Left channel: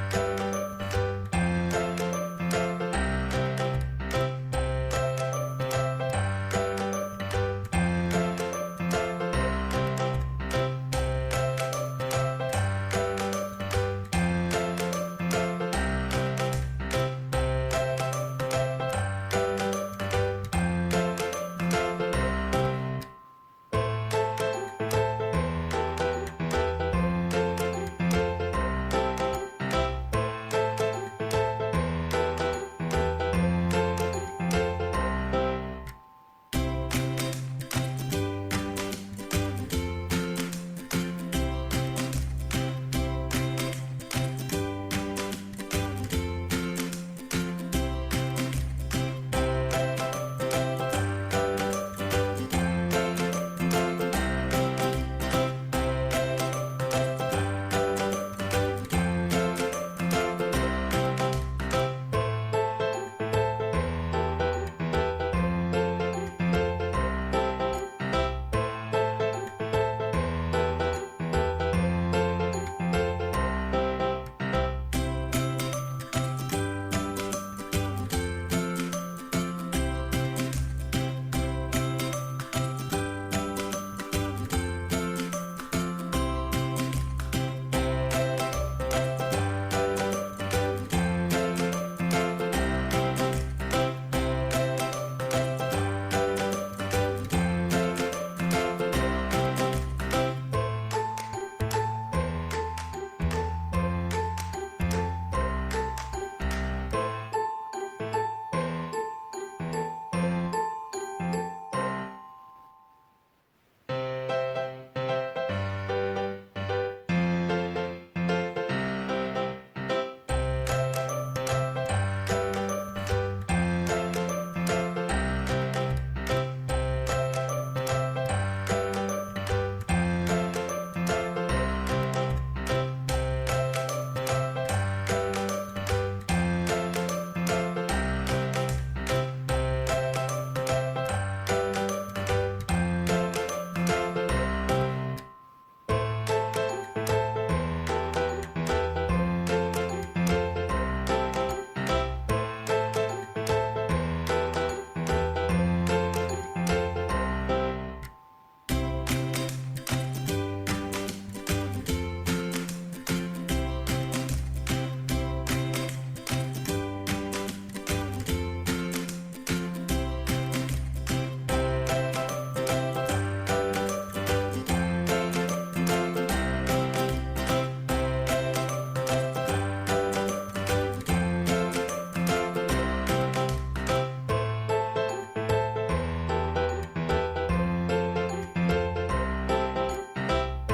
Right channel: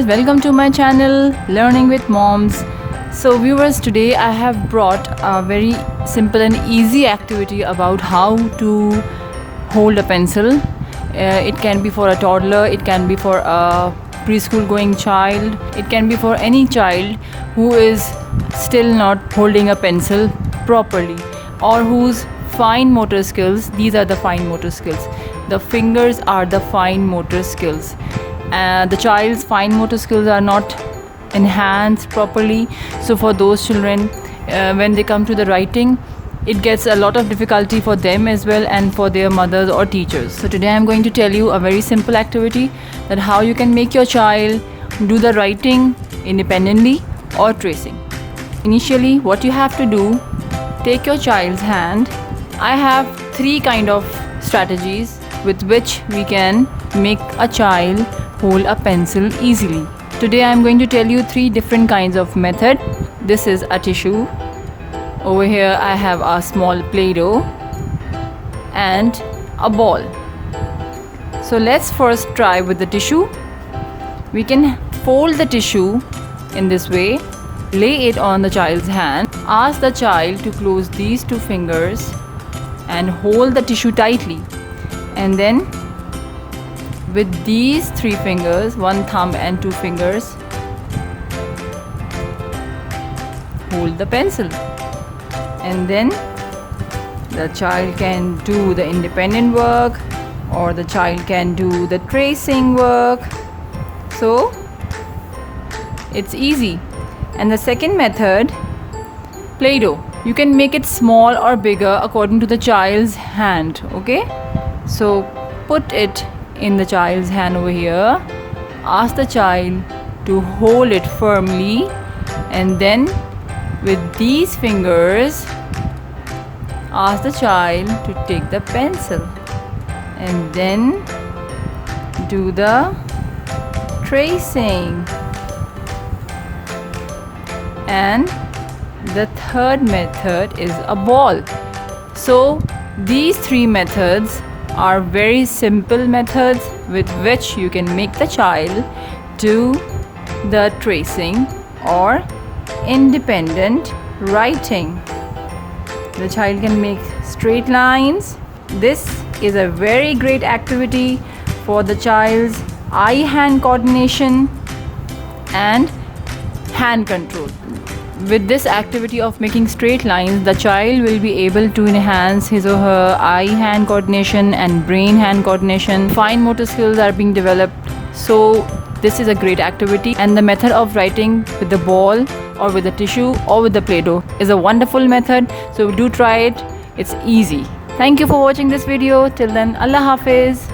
viewers, welcome to my channel Learning with Moms. So viewers, today I have brought a very simple and easy activity about how to hold a pencil. It can be for a toddler, it can be for a preschool going child, it can be for any child who is still not holding a pencil properly, or whose fine motor skills, these are the fine motor skills, the fingers are the fine motor skills. The child's fine motor skills are not enhanced properly. So for those children, when they come to the writing, it gets a lot of difficulty for them as well, and for their mothers or teachers. So today I'm going to tell you a very simple activity, that how you can make your child do the writing independently or tracing. Initially, what you have to do, take your child's hand. I have three kind of strategies with which we can make a child hold a pencil easily. Today I am going to tell you three different kinds of method. This is a tissue. Over here I have a small Play-Doh and a ball. So let's first try with the tissue. We can fold the tissue in this way, lay it on the child's hand, ask the child to close these two fingers and hold the tissue tightly, and then with these three fingers, one thumb and two fingers, hold the pencil, and then the child can do the independent work, or the child can do the tracing work. So it's easy. And the second method, Play-Doh. You can make it small or bigger according to the child's hand. Okay, so put it in the child's hand over here, ask the child to hold it firmly, and then with these fingers ask the child to take the pencil and then do the tracing. And the third method is a ball. So these three methods are very simple methods with which you can make the child do the tracing or independent writing. The child can make straight lines. This is a very great activity for the child's eye-hand coordination and hand control. With this activity of making straight lines, the child will be able to enhance his or her eye-hand coordination and brain-hand coordination. Fine motor skills are being developed. So this is a great activity, and the method of writing with the ball or with the tissue or with the Play-Doh is a wonderful method. So do try it. It's easy. Thank you for watching this video. Till then, Allah Hafiz.